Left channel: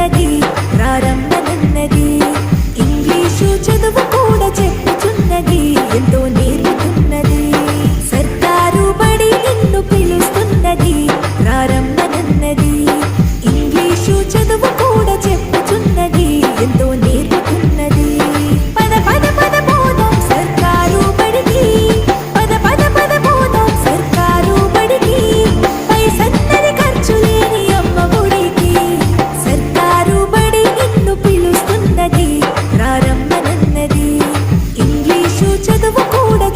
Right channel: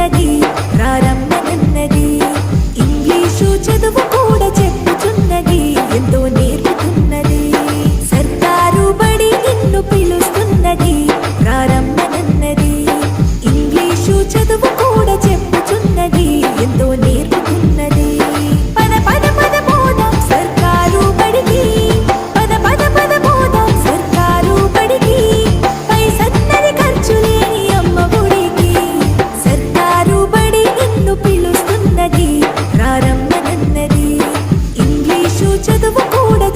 పిలుస్తున్నది రారమ్మనన్నది. English చదువు కూడా చెప్పుచున్నది ఎంతో నేర్పుతున్నది. సర్కారు బడి నిన్ను పిలుస్తున్నది రారమ్మనన్నది. ఇంగ్లీషు చదువు కూడా చెప్పుచున్నది ఎంతో నేర్పుతున్నది. పద పద పద పోదాం సర్కారు బడికి, పద పద పద పోదాం సర్కారు బడికి. పైసన్నది ఖర్చు లేని అమ్మ గుడికి. సర్కారు బడి నిన్ను పిలుస్తున్నది రారమ్మనన్నది. ఇంగ్లీషు చదువు కూడా